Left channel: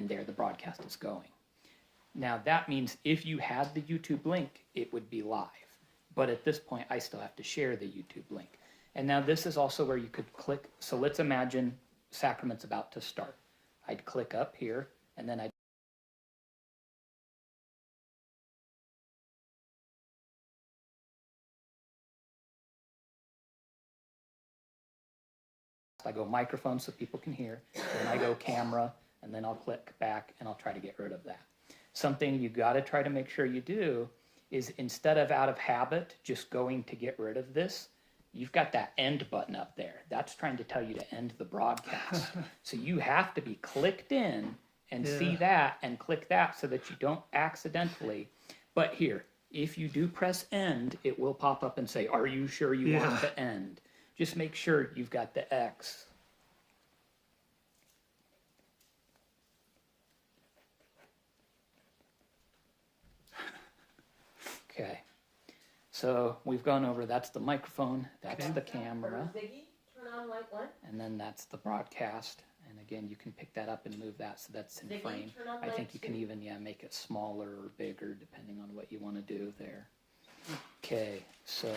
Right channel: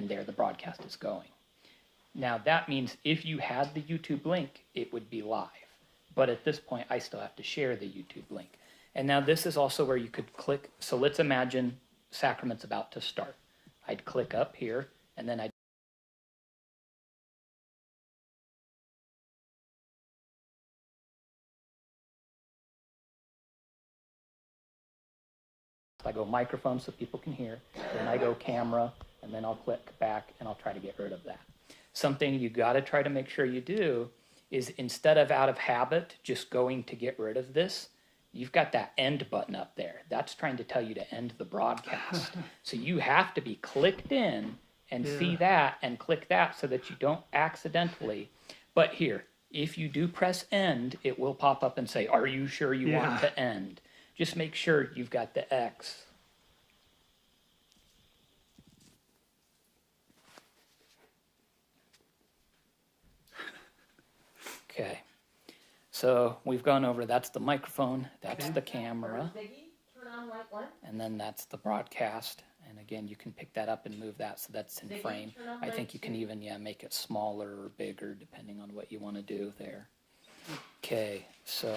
and there the broadcast is going. Now that means if you had the YouTube link, it would be live. But at this point, I still have to share the YouTube link. And now this is also where you could click. So let's imagine Sacrament's about to start. I'd click up here, and then I go microphone so people can hear, then I go camera, and then I'll click back, and I'll try to get rid of that. Something you got to try to make sure you do is instead of out of habit just going to get rid of this, you've got that end button up there. That's trying to tell you to end the broadcast. So you have to be clicked in and see that and click that so that you don't accidentally. But here, if you do press end, it will pop up and say, are you sure you want to end? Just make sure you've got the X. Okay, so we've gone over, that's the microphone, that's the camera, and then that's the broadcast. And again, you can pick that up and move that so that's in frame. I think you can even, make it smaller or bigger depending on what you want to do there. Okay, so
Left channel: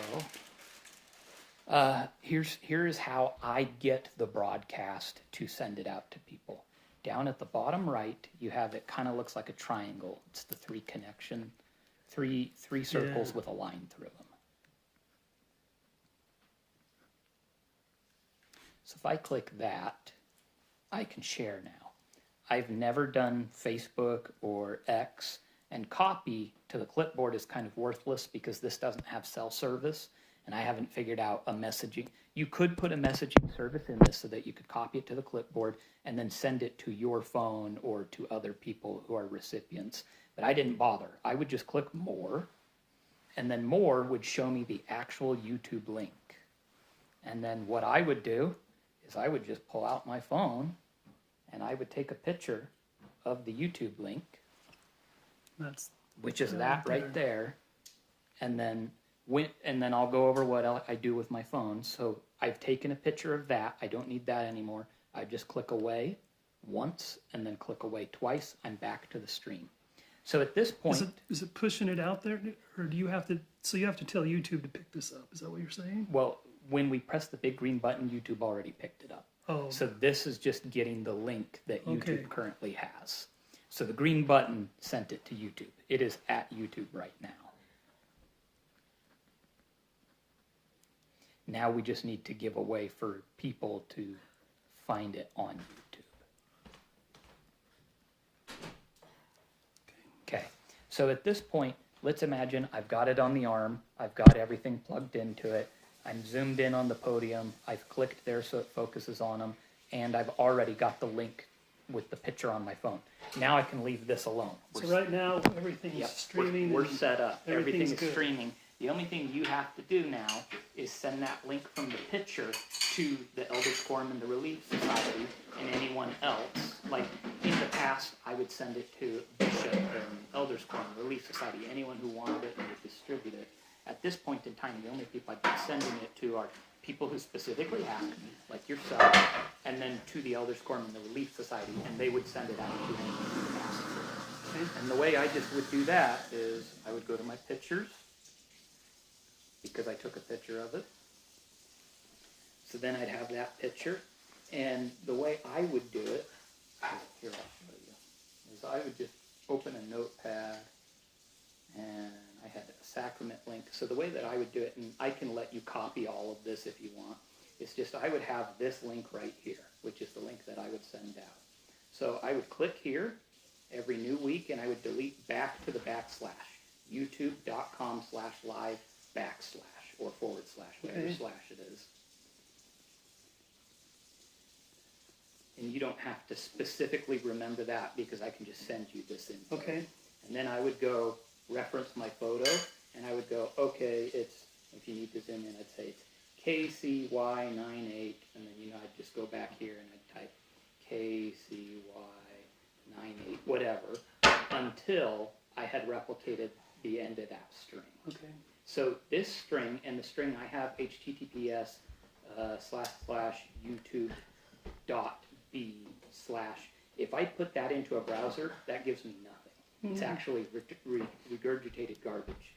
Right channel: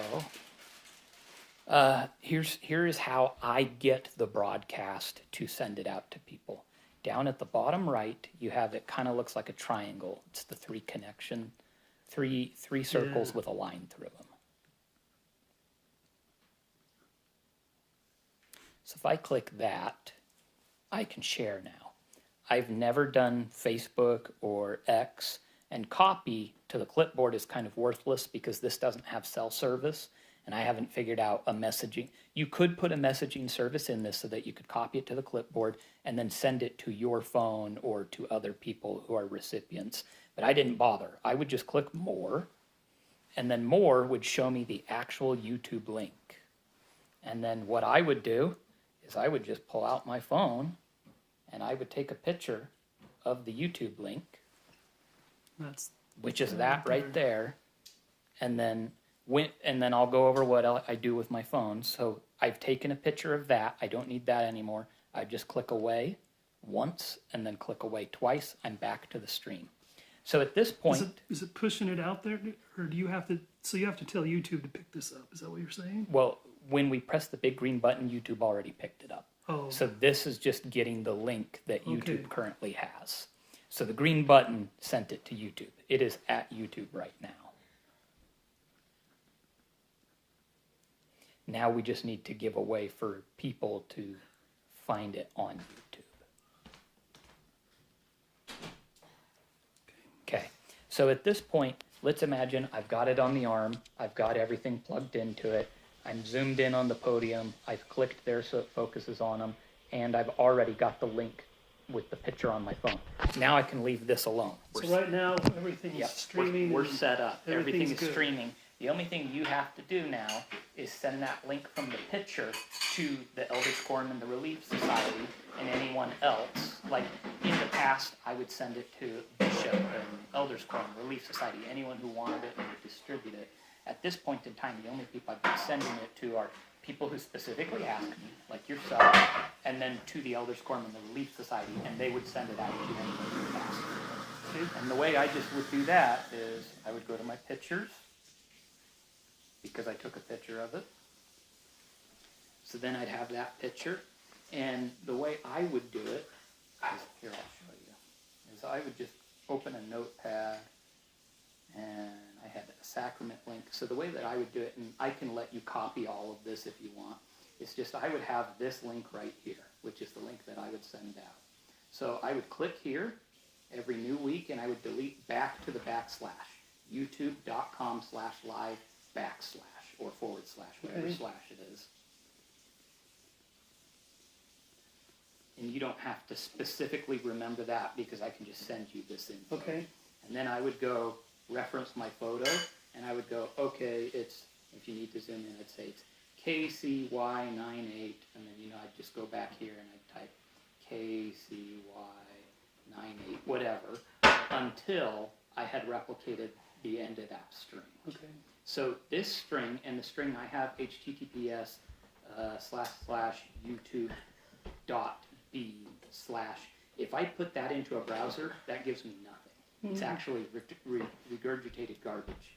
here is how I get the broadcast to send it out to people. Down at the bottom right, you have it kind of looks like a triangle. It's the three circles with a line through them. So if I click that, I can share now. I've never done Facebook or X, and copy to the clipboard is kind of worthless because this doesn't have cell service, and I haven't figured out a messaging. You could put a messaging service in this so that you could copy it to the clipboard and then send it to your phone or to other people who are recipients. But I didn't bother. I would just click more, and then more would show me the actual YouTube link. And then what I would do is I would just pull out my phone and I would take a picture of the YouTube link, which is that right there, and then I'll go over what I do with my phone. So I've taken a picture of that. I don't need that anymore. I just click away once and then click away twice. I'm back to the stream. So at this point, is it pushing it out there, or do you have to? So you have to tell YouTube to pick this up. Is that what you're saying? Well, when we press the big green button, YouTube already picked it up. Oh. So this is just getting the link that YouTube currently has. So the green button sent it to YouTube. It is at YouTube right now. Now we just need to give a way for people to find it on YouTube. Okay, so at this point, let's imagine I've got it on the arm. I've got everything plugged into it. I'm zoomed in on the podium. I've clicked there so it focuses on them. And I've already got the link with the picture on my phone. Now I can leave this alone. So right now, everything's streaming. We're set up. Everything's good. Streaming. The only thing you have to do now is send that link from the picture to the Elders Quorum and the Relief Society and anyone else. Like in the past, I would send it to Bishop and Elders Quorum, Relief Society, anyone who wanted it and would distribute it. At this point in time, the only people I've been sending it to are people who specifically ask me, like yourself, and then to the Elders Quorum and the Relief Society, and they would send it out to anyone who asked. And the way I just would do that is I would go to my pictures, because I took a picture of it. So then I'd have that picture, and the way I would do it, here I'll show you, is I would just open a notepad, and I had a sacrament link. So the way that I would do it, and I can let you copy all of this if you want, is just I would have this link right here, which is the link that I would send out. So I would click here every new week, and I would delete back to the backslash, youtube.com/live/ or / whatever slash it is. And you don't have to specifically remember that because I can just send you this info. Okay. And then I would go reference my photo, and I would go, okay, it's, if you need to zoom in, I'd say it's KCY98, and then, I'd just go back here and I'd type KCY98, whatever, until I had replicated the end of that string. Okay. So this string, and the string I have https //youtube.b/ If I put that into a browser, that gives me nothing. It's actually regurgitated garbage.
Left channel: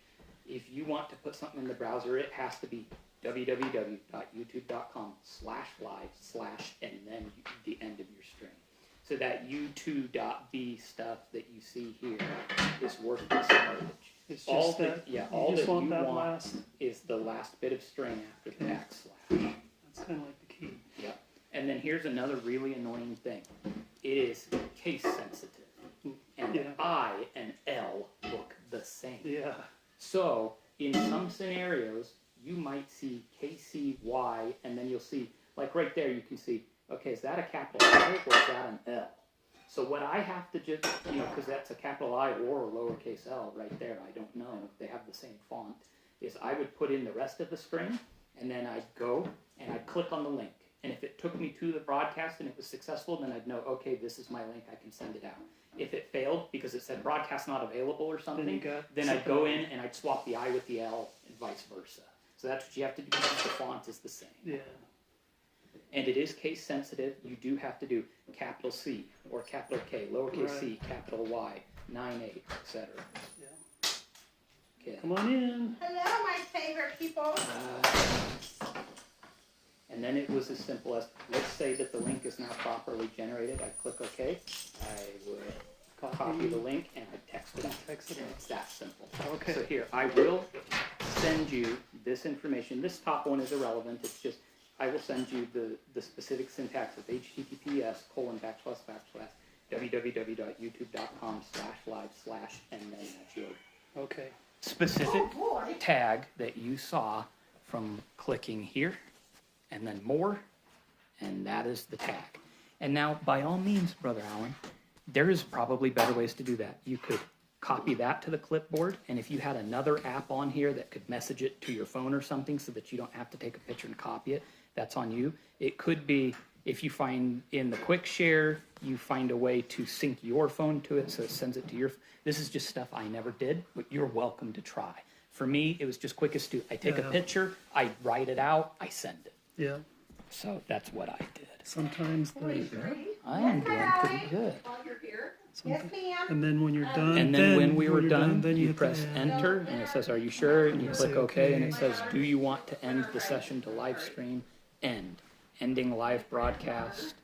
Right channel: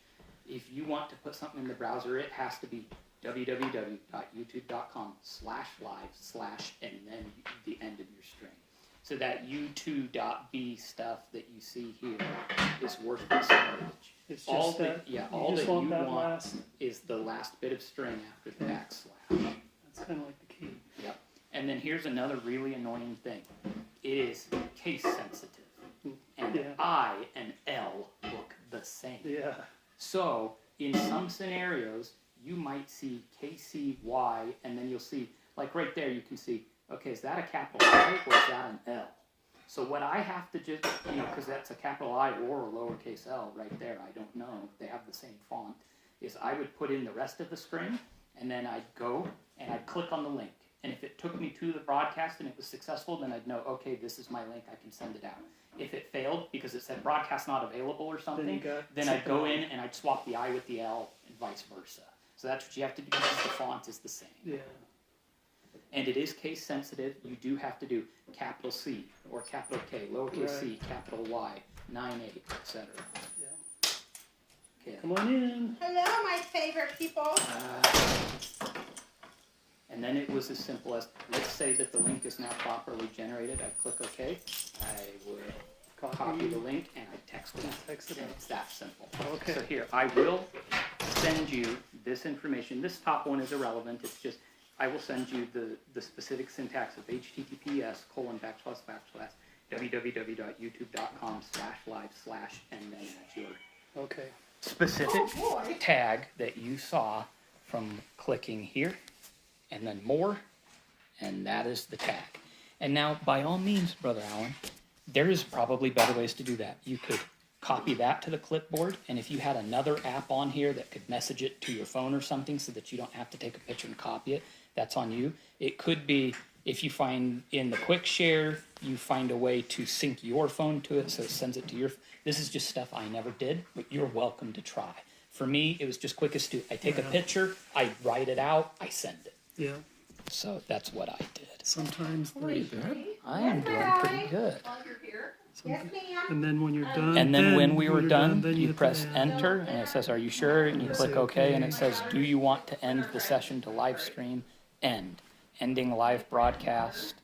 If you want to put something in the browser, it has to be www.youtube.com/live/ and then the end of your string. So that u2.b stuff that you see here is worthless garbage. It's just that you just want that last. Is the last bit of string after the backslash. That's kind of like the key. Yep. And then here's another really annoying thing. It is case sensitive. And Yeah. I and L look the same. Yeah. So in some scenarios, you might see KCY, and then you'll see, like right there, you can see, okay, is that a capital I or is that an L? So what I have to just, because that's a capital I or a lowercase l right there, I don't know if they have the same font, is I would put in the rest of the string, and then I'd go and I'd click on the link. And if it took me to the broadcast and it was successful, then I'd know, okay, this is my link, I can send it out. If it failed because it said broadcast not available or something, then I'd go in and I'd swap the I with the L and vice versa. So that's what you have to do because the font is the same. Yeah. And it is case sensitive. You do have to do capital C or capital K, lowercase c, capital Y, 9-8, etc. Yeah. Okay. Come on in. Hello, my favorite people. And then it was as simple as, let's say that the link is now properly generated. I click OK. I would copy the link and I text it out. And it's that simple. Okay. So here, I will send you this information. This top one is irrelevant. It's just, I will send you the specific syntax of https://www.youtube.com/live/ and then that's your Okay. specific tag that you saw from clicking here, and then more, and that is the tag. And now, by all means, Brother Allen, there is probably better ways to do that. You could copy that to the clipboard, and if you had another app on here that could message it to your phone or something so that you don't have to take a picture and copy it, that's on you. It could be, if you find in the quick share, you find a way to sync your phone to it so it sends it to your. This is just stuff I never did, but you're welcome to try. For me, it was just quickest to, I take a picture, I write it out, I send it. Yeah. So that's what I did. Sometimes they. I am doing pretty good. Yes, ma'am. And then when you're done, And then when we were done, then you hit press the enter, and it says, are you sure? And you click say OK, and okay. it says, do you want to end the session to live stream? End. Ending live broadcast.